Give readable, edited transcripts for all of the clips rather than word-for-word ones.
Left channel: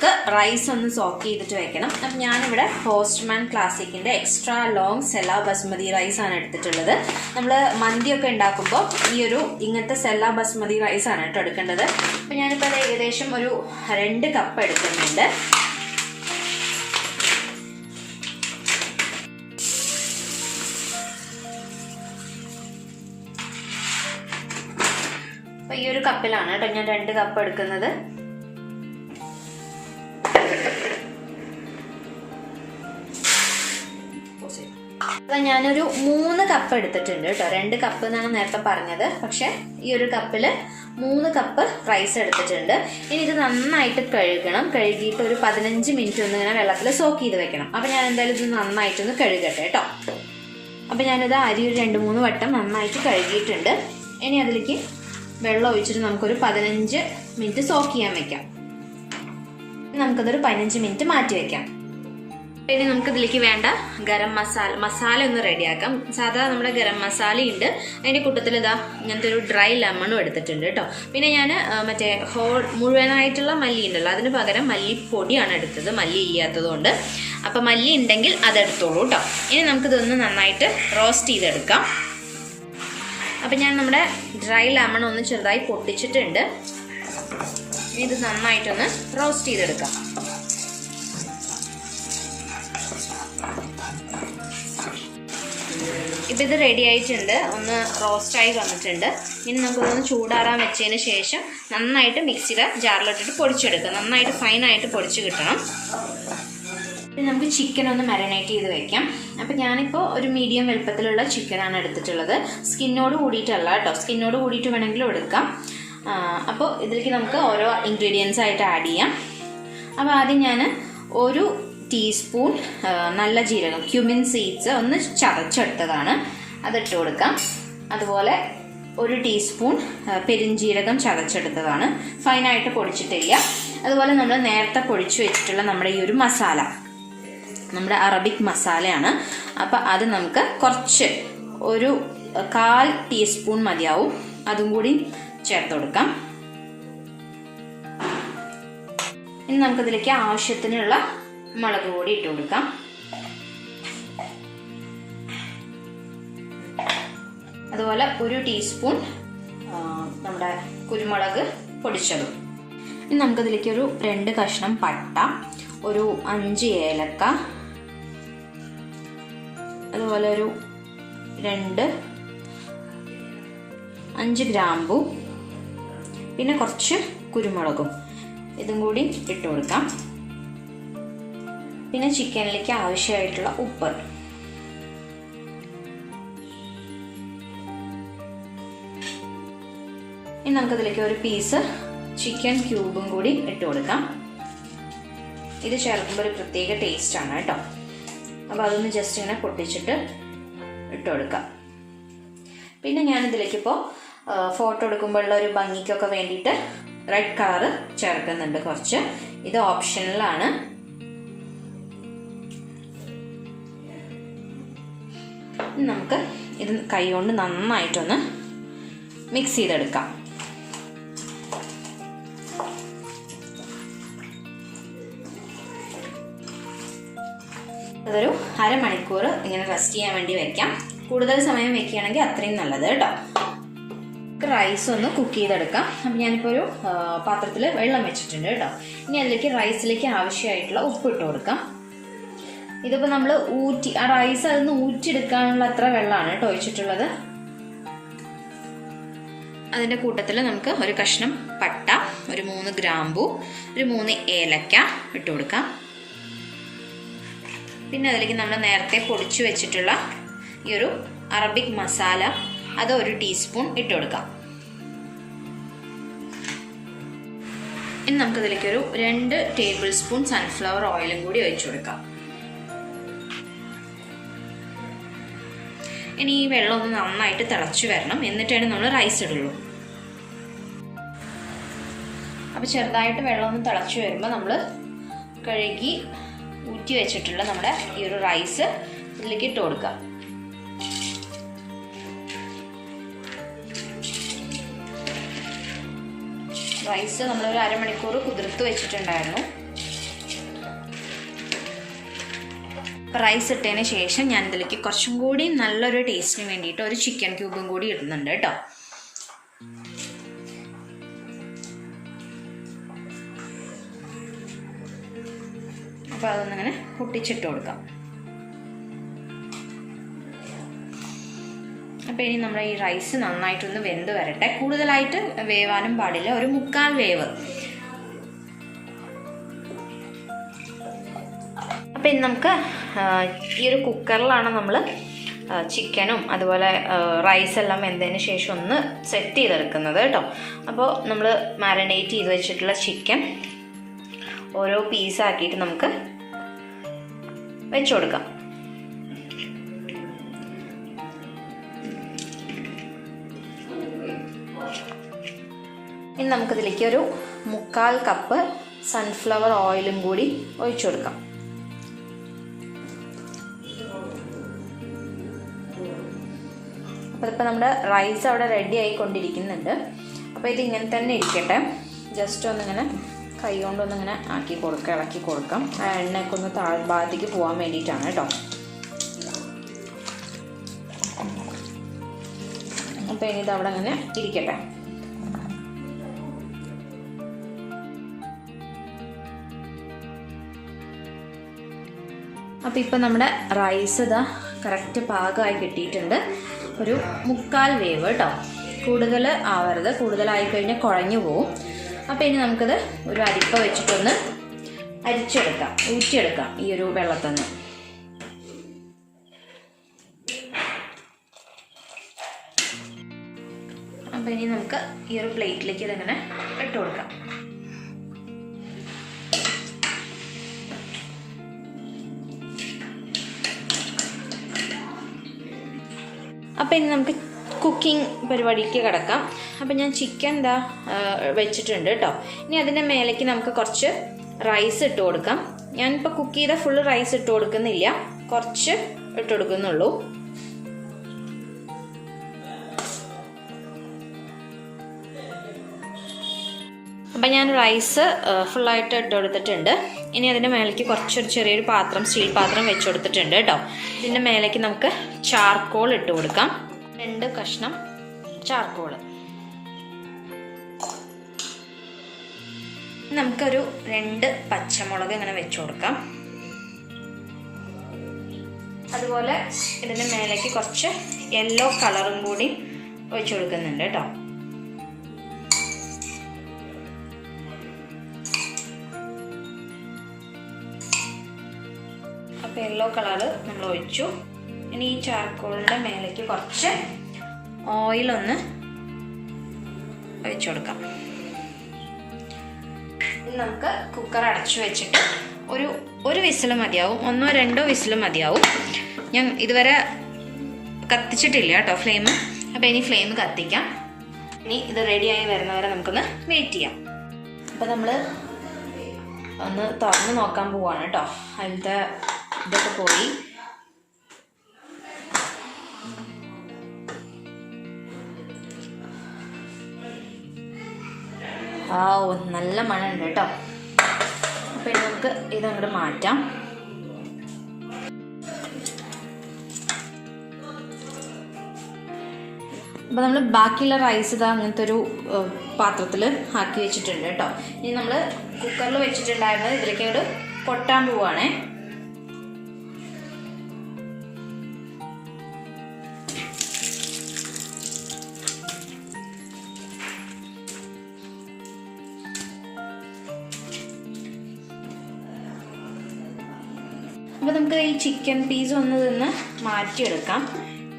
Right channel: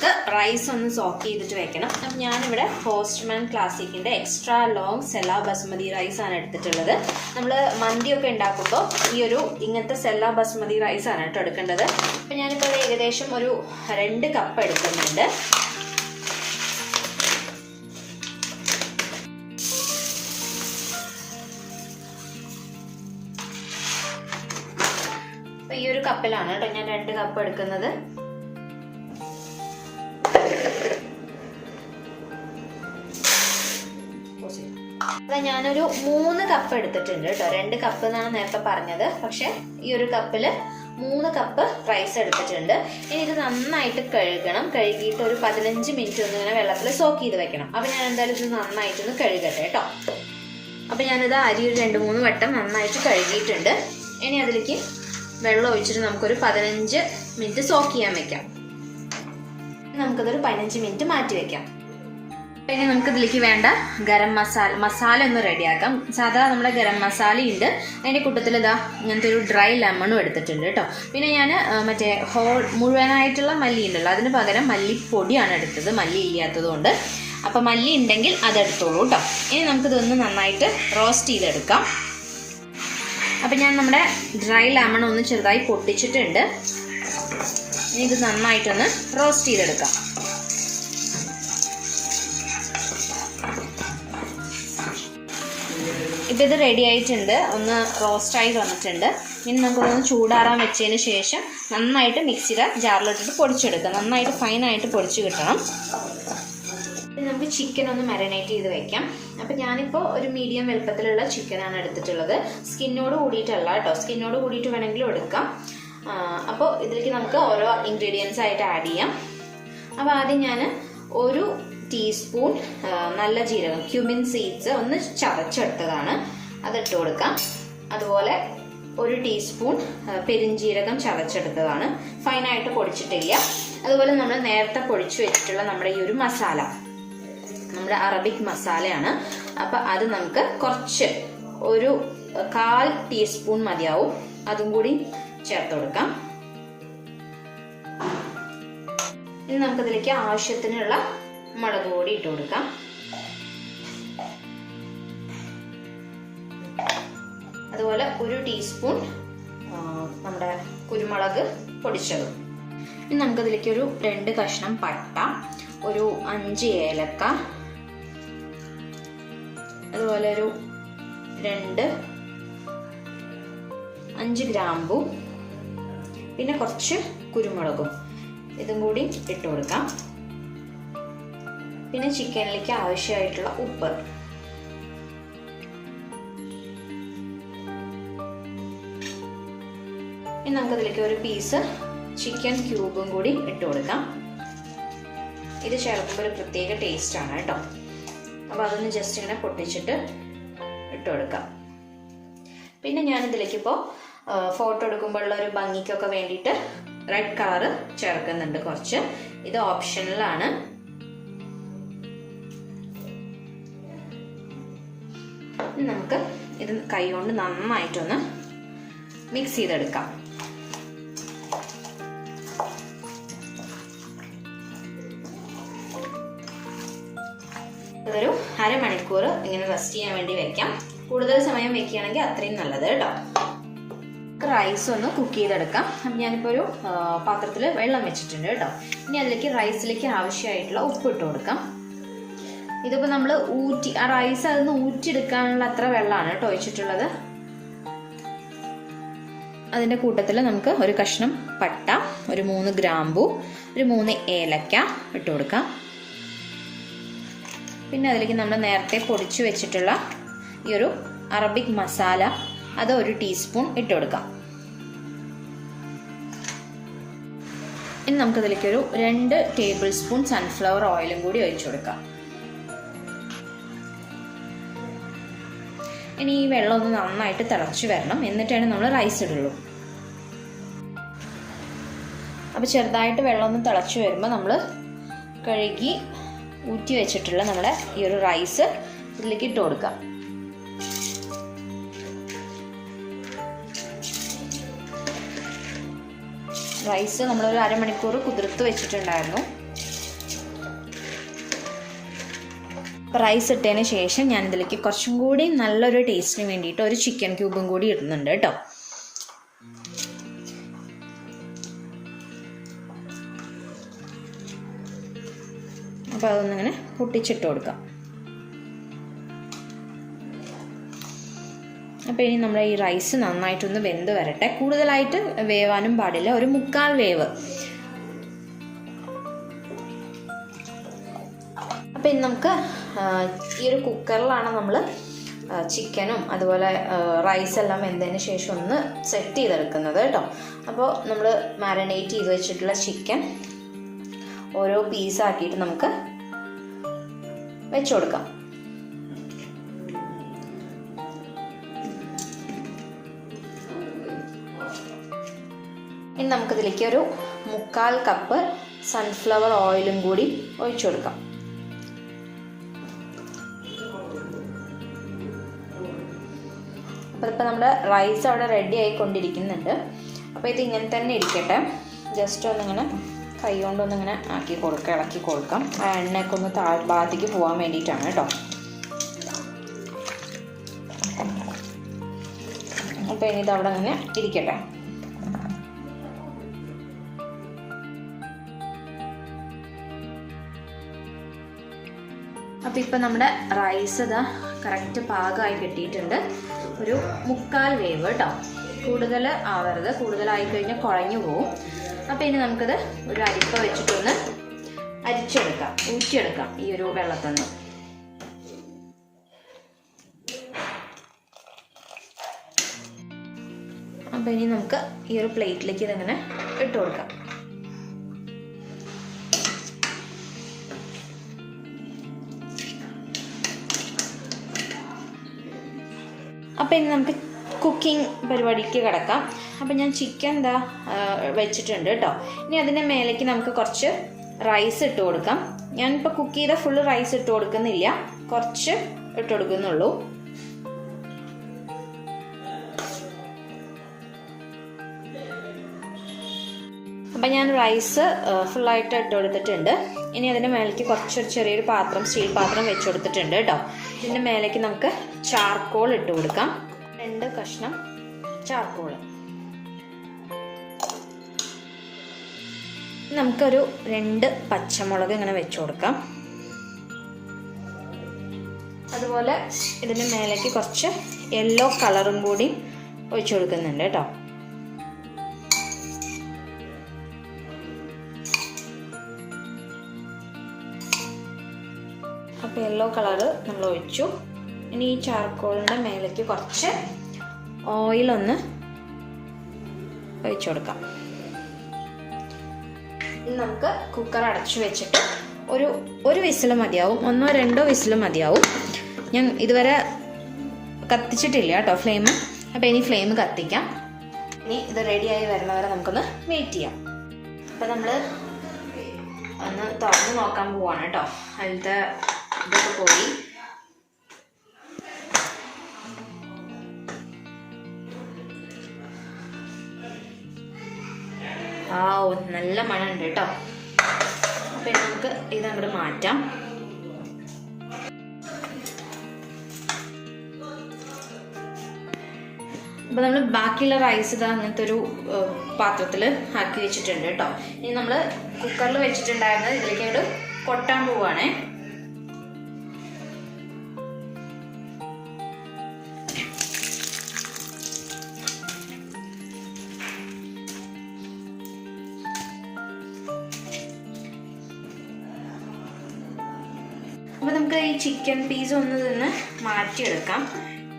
നമുക്ക് റൈസ് ഒന്ന് സോക്ക് ചെയ്തിട്ട് വെക്കണം. അപ്പം ഞാനിവിടെ പോസ്റ്റ്മാൻ ക്ലാസിക്കിൻ്റെ എക്സ്ട്രാ ലോങ് സെല്ല ബസ്മതി റൈസാണ് എടുത്തിട്ടുള്ളത്. നമ്മൾ മന്തിയൊക്കെ ഉണ്ടാക്കുമ്പോൾ ഇങ്ങനത്തെ സെല്ല ബസ്മതി റൈസാണ് കേട്ടോ എടുക്കേണ്ടത്. അപ്പം ഞാനിപ്പോൾ അത് ഏകദേശം ഒരു 2 കപ്പ് എടുക്കുന്നുണ്ട്. അപ്പം ഈ ഒരു കപ്പിലാണ് കേട്ടോ ഞാൻ 2 കപ്പ് എടുക്കുന്നത്. ഞാനൊരു 3 കപ്പ് എടുത്തിട്ടുണ്ട് കേട്ടോ. 2 കപ്പ് എന്നാണ് നേരത്തെ പറഞ്ഞത്, പക്ഷെ ഈ ഒരു കപ്പിൽ 3 കപ്പ് റൈസ് എടുത്തിട്ടുണ്ട്. ഇനി ഇത് നന്നായിട്ട് കഴുകണം. കഴുകിയിട്ട് ഒരു 15 മിനിറ്റ് ഒന്ന് ഇങ്ങനെ വെള്ളത്തിൽ സോക്ക് ചെയ്ത് വെക്കണം. അപ്പം ഞാൻ എന്തായാലും ഇത് നന്നായിട്ടൊന്ന് കഴുകട്ടെ കേട്ടോ. അപ്പം ഞാനിത് അരി ഒരു 2-3 വട്ടം നന്നായിട്ട് കഴുകിയിട്ടുണ്ട്. ഇനി അതിലേക്ക് വെള്ളം ഒഴിച്ചിട്ട് നമുക്കൊരു 15 മിനിറ്റ് സോക്ക് ചെയ്യാൻ വെക്കാം. നമുക്കതൊരു 15 മിനിറ്റ് മാറ്റി വെക്കാം. ഇനി നമുക്ക് ഇതിലേക്ക് വേണ്ട ഗരം മസാല ഒന്ന് റെഡിയാക്കാം. സാധാരണ നമ്മുടെ ഗരം മസാല ഉണ്ട്, അതിൻ്റെ കൂട്ടത്തിൽ ഇതാ ഇങ്ങനത്തെ ഒരു ഡ്രൈ ലെമണും എടുത്തിട്ടുണ്ട് കേട്ടോ. പിന്നെ ഞാൻ മറ്റേ മുഴുവനായിട്ടുള്ള മല്ലി ഉണ്ടല്ലോ, അതിന് പകരം മല്ലിപ്പൊടിയാണ് എടുത്തത്, മല്ലി ചെയ്യാത്തത് കൊണ്ട്. അപ്പം മല്ലി ഉണ്ടെങ്കിൽ അതെടുത്തോളൂ കേട്ടോ. ഇനി നമുക്കിതൊന്ന് നന്നായിട്ട് റോസ്റ്റ് ചെയ്തെടുക്കാം. അപ്പം ഞാൻ നമ്മുടെ ഡ്രൈ ലെമൺ ഒന്ന് ചെറുതായി പൊട്ടിച്ചിട്ടുണ്ട്. ഇനി ഇത് നന്നായിട്ടൊന്ന് റോസ്റ്റ് ചെയ്തെടുക്കാം. ഇപ്പം ഇത് റെഡി ആയിട്ടുണ്ട്, ഒന്ന് റോസ്റ്റായി വന്നിട്ടുണ്ട്. ഇനി നമുക്കൊന്ന് ചൂടാറാൻ വെച്ചതിന് ശേഷം നന്നായിട്ട് മിക്സിയുടെ ജാറിലിട്ടിട്ട് പൊടിച്ചെടുക്കാം. നന്നായിട്ട് ഫൈനായിട്ട് പൊടിച്ച് കിട്ടണം. പിന്നെ നമുക്ക് ചിക്കൻ ഒന്ന് മാരിനേറ്റ് ചെയ്ത് വെക്കാം. അപ്പം ഞാനിപ്പോൾ ഒരു മീഡിയം വലുപ്പത്തിലുള്ള ചിക്കനാണ് എടുത്തിട്ടുള്ളത്. സ്കിന്നോട് കൂടിയിട്ടല്ല കേട്ടോ, സ്കിന്നോട് കൂടിയിട്ട് വേണമെങ്കിലും എടുക്കാം. അപ്പോൾ ഇതിലേക്ക് നമുക്ക് ഓരോ ഇൻഗ്രീഡിയൻസ് ആയിട്ട് ആഡ് ചെയ്യാം. അപ്പോൾ ആദ്യം ഞാൻ ഒരു ടീസ്പൂൺ നല്ല ജീരകം ക്യുമിൻ സീഡ്സ് ഒന്ന് ചതച്ചെടുത്തതാണ്, അതിട്ട് കൊടുക്കാം. അതുപോലെ ഒരു ടീസ്പൂൺ പെരിഞ്ജീരകം ചതച്ചെടുത്തതാണ്, ഫൈനായിട്ട് പൊടിച്ചിട്ടില്ല. അതുപോലെ നമ്മൾ നേരത്തെ പൊടിച്ചു വെച്ചിട്ടുള്ള നമ്മുടെ ഈ ഒരു മസാല നമ്മുടെ അറബിക് മസാലയാണ്. അപ്പം അത് നമുക്ക് കുറച്ച് ഒരു 1/4 ടീസ്പൂൺ മതിയാവും, അതും കൂടി ചേർത്ത് കൊടുക്കാം. ഇനി നമുക്കിതിലേക്ക് ആവശ്യത്തിനുള്ള മുളക് പൊടി ഇട്ട് കൊടുക്കാം. അതുപോലെ ഒരു ടീസ്പൂൺ നമ്മുടെ കുരുമുളക് പൊടിച്ചതും. ഇനി നമുക്കതിലേക്ക് ഒരു 2 കഷ്ണം പട്ട, ഒരു 5 ഏലക്ക, അതുപോലെ ഒരു 5 ഗ്രാമ്പു, പിന്നെ കുറച്ച് കുരുമുളകും ഇതും കൂടി ഇട്ട് കൊടുക്കാം. പിന്നെ ചിക്കനിലേക്ക് ആവശ്യമായിട്ടുള്ള ഉപ്പ്. ഇനി നമുക്കതിലേക്ക് ഒരു പീസ് ചിക്കൻ ക്യൂബും കൂടി ഇട്ട് കൊടുക്കാം. ഇത് ചേർക്കുമ്പോൾ ഒരു പ്രത്യേക ടേസ്റ്റാണ് കേട്ടോ. അപ്പോൾ അതൊന്ന് ജസ്റ്റ് ഇങ്ങനെ പൊട്ടിച്ചിട്ട് ഇട്ട് കൊടുക്കാം. പിന്നെ ഞാനിതിലേക്കിപ്പോൾ ഫോട്ടോ എടുക്കുമ്പോഴുള്ള ഒരു ഭംഗിക്കൊക്കെ വേണ്ടിയിട്ട് റെഡ് കളറ് ചേർക്കുന്നുണ്ട് കുറച്ച്. ഇത് ഓപ്ഷണലാണ്. നമുക്ക് ഇത് കൈ കൊണ്ട് നന്നായിട്ടൊന്ന് മിക്സ് ചെയ്തെടുക്കാം. അതൊരു 1/2 മണിക്കൂർ ഇങ്ങനെ റെസ്റ്റ് ചെയ്യാൻ വേണ്ടി വെക്കാം. കൂടുതൽ സമയം വെക്കുകയാണെങ്കിൽ അത്രയും നല്ലത് കേട്ടോ. റൈസ് ഒന്ന് കുക്ക് ചെയ്തെടുക്കാം. അപ്പം ഞാനിപ്പോൾ ഒരു പാത്രത്തിൽ വെള്ളം വെച്ചിട്ടുണ്ട് കേട്ടോ. ഇനി അതിലേക്ക് റൈസിലേക്ക് ആവശ്യമായിട്ടുള്ള ഉപ്പ് ഇട്ട് കൊടുക്കാം. ഇതിപ്പോൾ നമ്മൾ ആ റൈസ് അതിന് ഊറ്റിയെടുക്കാനുള്ള അത്ര വെള്ളമാണ് കേട്ടോ ഒഴിച്ചിട്ടുള്ളത്. അതിൻ്റെ കൂട്ടത്തിൽ നമുക്ക് ഒരു കഷ്ണം പട്ട, ഒരു 3 ഗ്രാമ്പു, ഒരു 3 ഏലക്ക ഇട്ട് കൊടുക്കാം. പിന്നെ അതിലേക്ക് നമ്മൾ നേരത്തെ പൊടിച്ചു വെച്ചിട്ടുള്ള ഈ ഒരു അറബിക് മസാല അത് 1 ടീസ്പൂൺ ഇട്ട് കൊടുക്കാം. ഇനി നമുക്കതിലേക്കൊരു 2 ടേബിൾ സ്പൂൺ സൺഫ്ലവർ ഓയിലും കൂടി ഒഴിച്ചു കൊടുക്കാം. ഇനി ഈ വെള്ളം ഒന്ന് നന്നായിട്ട് തിളച്ച് വരണം, എന്നിട്ടാണ് നമ്മൾ റൈസ് ഇടുള്ളൂ. അപ്പോൾ ചെറുതായിട്ട് വെള്ളം ഒന്ന് തിളച്ച് വരുമ്പോൾ നമ്മൾ കഴുകി ഊറ്റി വെച്ചിട്ടുള്ള നമ്മുടെ ഈ ഒരു റൈസ് ഇതിലേക്ക് ഇട്ട് കൊടുക്കാം. റൈസ് നമ്മളൊരു 1/2 മണിക്കൂർ കുതിർത്ത് വെച്ചിട്ടുണ്ടായിരുന്നു. റൈസ് ഇട്ടതിന് ശേഷം ഞാൻ ഇതിലേക്ക് കുറച്ചും കൂടി നല്ലൊരു ടേസ്റ്റിന് വേണ്ടിയിട്ട് ഒരു ചിക്കൻ ക്യൂബും കൂടി ഇടുന്നുണ്ട് കേട്ടോ. അപ്പോൾ അതൊന്നിങ്ങനെ പൊട്ടിച്ചിട്ട് കൊടുക്കാം. അപ്പോൾ ഇനി നമ്മുടെ ഈ റൈസ് നന്നായിട്ടൊന്ന് വെന്ത് വരട്ടെ. കൂടുതലായിട്ട് വേവാനും പാടില്ല, ഒരു 3/4 വേവ്. അപ്പോൾ ഇനി നമുക്ക് ഈ ഒരു കുക്കറിലാണ് നമ്മൾ ചിക്കനും അതുപോലെ റൈസെല്ലാം വെന്തതിന് ശേഷം ഒന്ന് സെറ്റ് ചെയ്തെടുക്കുന്നത് കേട്ടോ. അപ്പോൾ നമ്മൾ മാരിനേറ്റ് ചെയ്ത് വെച്ചിട്ടുള്ള ചിക്കൻ ഓരോ പീസാക്കിയിട്ട് നമുക്ക് വെച്ചു കൊടുക്കാം. ഇനി നമുക്കിതിലേക്ക് ഒരു 3/4 കപ്പ് സൺഫ്ലവർ ഓയിലും കൂടി ഒഴിച്ചു കൊടുക്കാം. അപ്പോൾ ഇപ്പോൾ നമ്മുടെ റൈസ് അവിടെ റെഡി ആയിക്കൊണ്ടിരിക്കുന്നുണ്ട്. അപ്പോൾ ഇത് ഇങ്ങനെ തന്നെ ഇരിക്കട്ടെ. ജസ്റ്റ് ഒന്നിങ്ങനെ കൈ കൊണ്ടൊന്നിങ്ങനെ ആക്കി കൊടുക്കുക, ഇളക്കി കൊടുക്കാം. ആ എണ്ണയൊക്കെ ഒന്ന് താഴ്ഭാഗത്തേക്ക് പോകാൻ വേണ്ടിയിട്ടാണ് കേട്ടോ. അപ്പോൾ ഇനി ഇത് അവിടെ അങ്ങനെ ഇരിക്കട്ടെ. അപ്പോൾ ഇപ്പം നമ്മുടെ റൈസ് ഇതാ കറക്റ്റ് പാകമായി കിട്ടിയിട്ടുണ്ട്. ഒരു 3/4 വേവ് കേട്ടോ, കൂടുതൽ ആവരുത്. കൂടുതലായി കഴിഞ്ഞാൽ കുഴഞ്ഞു പോവും. അപ്പോൾ ഇനി നമുക്കത് ഒരു അരിപ്പ വെച്ചിട്ടൊന്ന് അരിച്ചെടുക്കാം, ഊറ്റിയെടുക്കാം ഈ ഒരു വെള്ളത്തിൽ നിന്ന്. അപ്പോൾ ഇനി നമുക്ക് ഈ ഒരു പ്ലേറ്റിലേക്ക് ഇതങ്ങനെ ഇട്ട് കൊടുക്കാം. അപ്പോൾ ഇനി നമുക്ക് കുക്കിംഗ് പരിപാടിക്ക് കിടക്കാം. അപ്പോൾ ഞാൻ ചിക്കൻ ഇതാ വെച്ചിട്ടുണ്ട് കേട്ടോ. ഇനി അതിൻ്റെ മേലേക്ക് നമുക്ക് കുറച്ച് റൈസ് ഇട്ട് കൊടുക്കാം. ഞാനിപ്പോൾ കുക്ക് ചെയ്ത ഫുള്ള് റൈസ് ഇട്ട് കൊടുക്കുന്നില്ല, കുറച്ച് ഇട്ട് കൊടുക്കുന്നുള്ളൂ. അപ്പം ഞാൻ റൈസ് ഫുള്ളായിട്ട് ഇട്ട് കൊടുത്തിട്ടുണ്ട്. ഇനി അതിൻ്റെ മേലേക്ക് കുറച്ചൊരു ചെറിയൊരു പാത്രം, സ്റ്റീൽ പാത്രം വെച്ച് കൊടുത്തിട്ടുണ്ട് കേട്ടോ. ഇതിൻ്റെ മേലേക്ക് നമുക്ക് ചാർക്കോൾ ഇട്ട് കൊടുക്കാം. 2 കഷ്ണം ചാർക്കോൾ. നമുക്കൊരു 2 പച്ചമുളക് ഇങ്ങനെ വെച്ച് കൊടുക്കാം. അതുപോലെ ഇതിൻ്റെ മേലേക്ക് കുറച്ച് യെല്ലോ കളറും കൂടി ഒഴിച്ചു കൊടുക്കുന്നുണ്ട് കേട്ടോ. അപ്പോൾ യെല്ലോ കളറ് നമ്മൾ ഒഴിച്ചു. ഇനി ഈ ചാർക്കോളിൻ്റെ മേലേക്ക് കുറച്ച് ഓയിലൊന്ന് ഒഴിച്ചു കൊടുക്കാം. ഇനി നമുക്ക് കുക്കർ അടച്ചു വെച്ചിട്ട് ഒരു വിസിൽ മതിയാവും, 1-2 വിസിൽ മതിയാവും. ഞാൻ ഇതുവരെ കത്തിച്ചിട്ടില്ല കേട്ടോ ഫ്ലെയിം. അപ്പോൾ ഇനി ഫ്ലെയിം കത്തിക്കാം. ഇനി ഇത് റെഡിയായി വരുന്നവരെ നമുക്കൊന്ന് വെയിറ്റ് ചെയ്യാം. അപ്പോൾ നമ്മൾ ഒന്ന് തുറന്ന് നോക്കാൻ പോവാണ് കേട്ടോ. അതിലത്തെ ഇതൊക്കെ പോയി. നല്ല മണമുണ്ട് കേട്ടോ. അപ്പം നമുക്ക് ഇതങ്ങോട്ട് മാറ്റാം. അപ്പോൾ നമ്മൾ ബാക്കിയുള്ള റൈസ് ഇതാ അങ്ങനത്തെ ഒരു പാത്രത്തിൽ ആക്കി വെച്ചിട്ടുണ്ട് കേട്ടോ. ഇനി നമ്മൾ കുക്കറിൽ വെച്ചിട്ടുണ്ടായിരുന്നത് ഇതിലേക്ക് അങ്ങോട്ട് കൊട്ടാൻ പോവാണേ. അപ്പോൾ നമുക്ക് ഈ ചിക്കൻ പീസ് ഒന്ന് ഇതിന്ന് മാറ്റിയെടുക്കാം.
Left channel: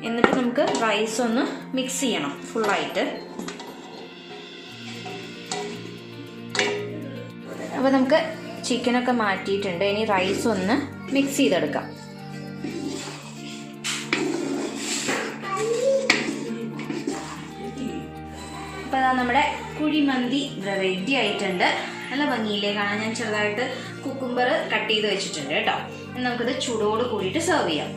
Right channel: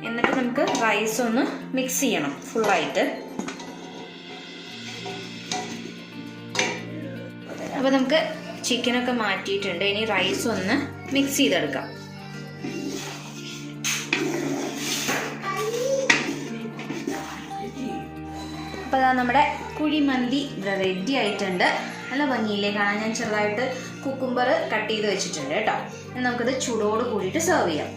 എന്നിട്ട് നമുക്ക് റൈസ് ഒന്ന് മിക്സ് ചെയ്യണം ഫുള്ളായിട്ട്. അപ്പോൾ നമുക്ക് ചിക്കനൊക്കെ മാറ്റിയിട്ടുണ്ട്. ഇനി റൈസ് ഒന്ന് മിക്സ് ചെയ്തെടുക്കാം. അപ്പോൾ അതാ നമ്മുടെ കുഴിമന്തി റെഡി ആയിട്ടുണ്ട്. നല്ല ഭംഗിയില്ലേ കാണാൻ. ഞാൻ ചെറുതായിട്ട് കുക്കുംബർ കട്ട് ചെയ്ത് വെച്ചിട്ടുണ്ട് കേട്ടോ. നമുക്കിത് ചൂടോട് കൂടിയിട്ട് സെർവ് ചെയ്യാം.